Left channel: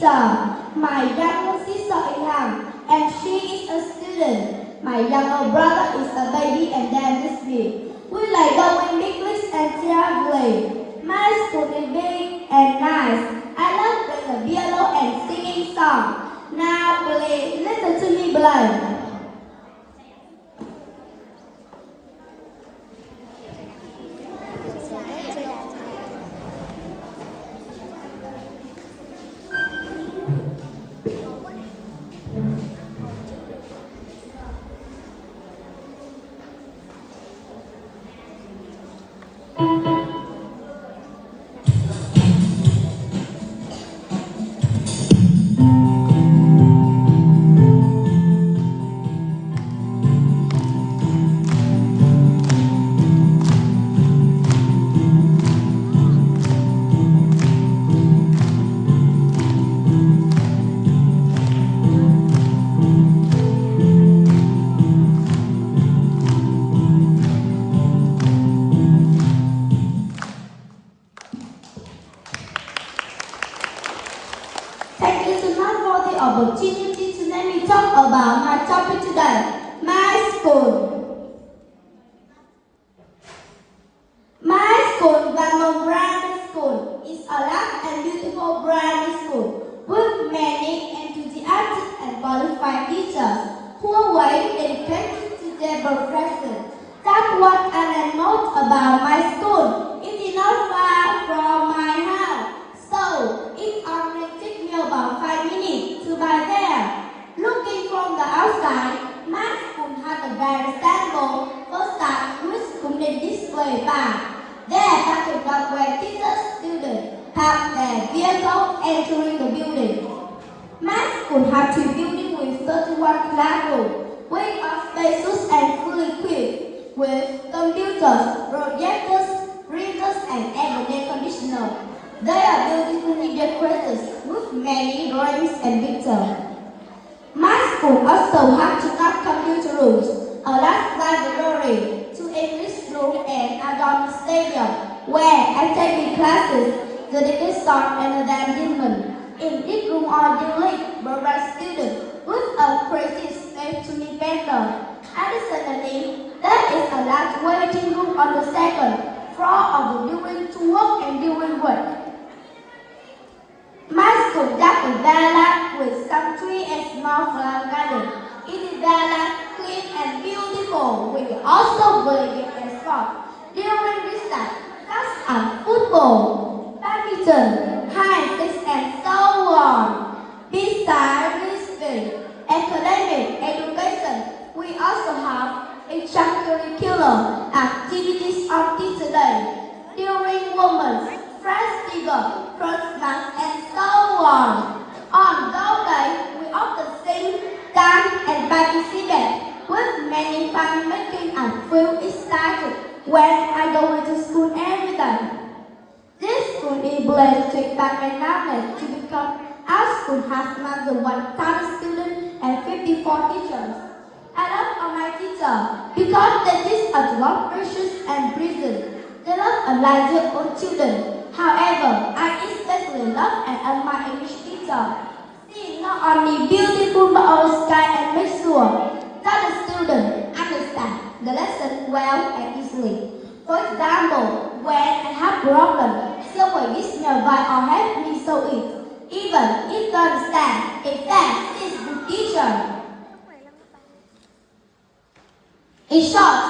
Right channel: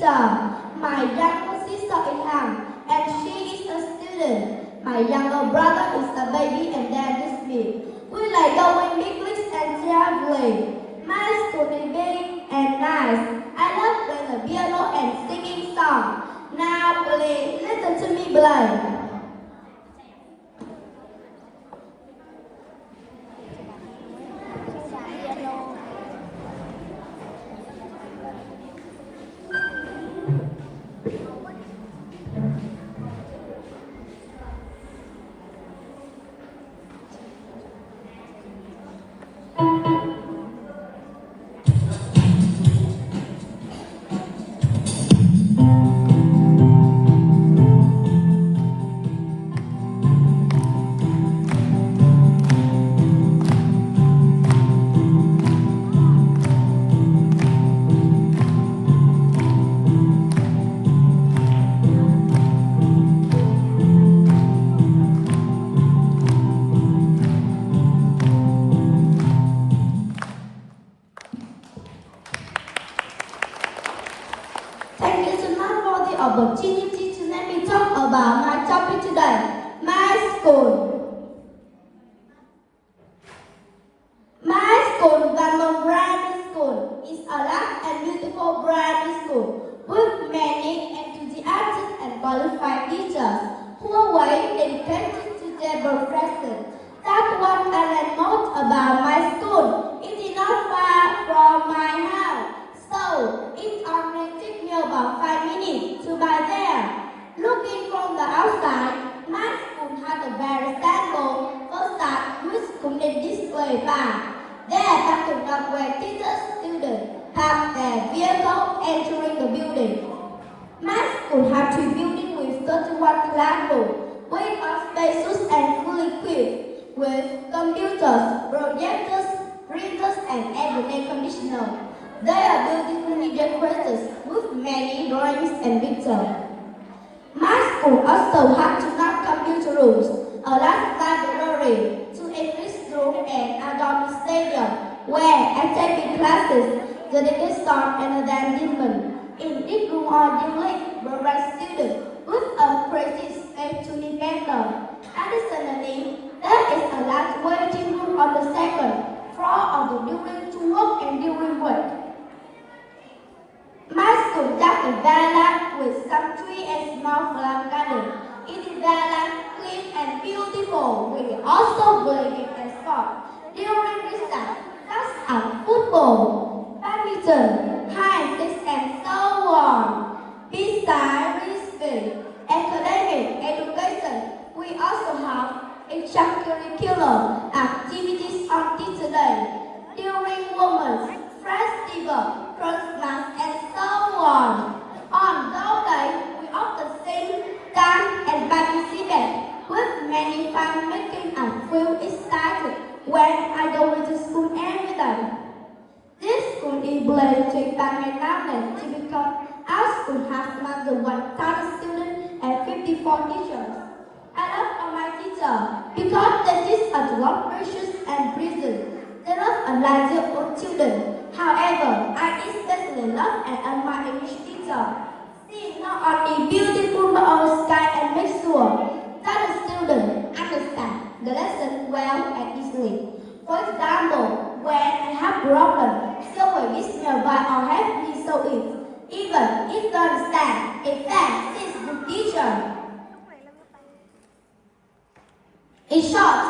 teacher. My younger sister is young, and she is a student. My younger brother is a baby, and then this me. We like going English and traveling. My school is big and nice. I love playing the piano and singing songs. Now, please listen to me play. Thank you so much for the opportunity to let me talk about my topic today, my school. My school, Bamboo Primary School, is a large and beautiful primary school with many enthusiastic and qualified teachers who are well dedicated to their profession. That's what I like most about my school. It is not far from my house, so it only takes me about 5 minutes to get there. Looking from the outside, my school has a very stable facade which could be displayed by. There are conduct where teachers students have their vehicle entering the building. My school has 2 buildings with 31 classrooms, which are spacious and fully equipped with computers, projectors, printers, and air conditioners. They are beautifully decorated with many drawings and pictures. My school also has 2 computer rooms, a large library, 2 English rooms, and a dorm stadium where I take classes, the sport and entertainment. In this room are the program students with a creative space to invent. Additionally, there is a large waiting room on the second floor of the building to work and during work. My school is very large with some trees and small flower garden. It is very large, clean and beautiful. We also play and sport. During recess, class are football, badminton, high stakes and so on. Besides this academic education, we also have extracurricular activities on Teacher Day, during Women's Festival, Christmas, and so on. On those days, we often sing, dance, and participate with many fun making and feel excited when I go to school every day. This school is blessed to expand my knowledge to become our school has more than 1,000 students and 54 teachers. I love all my teachers because they teach us love, patience, and precision. They love and like own children. However, I especially love and admire English teacher. She is not only beautiful but also kind and make sure that the students understand the lesson well and easily. For example, when I have problems, someone gives me advice or help me solve it. Even if I understand, in fact, she is the teacher. In short,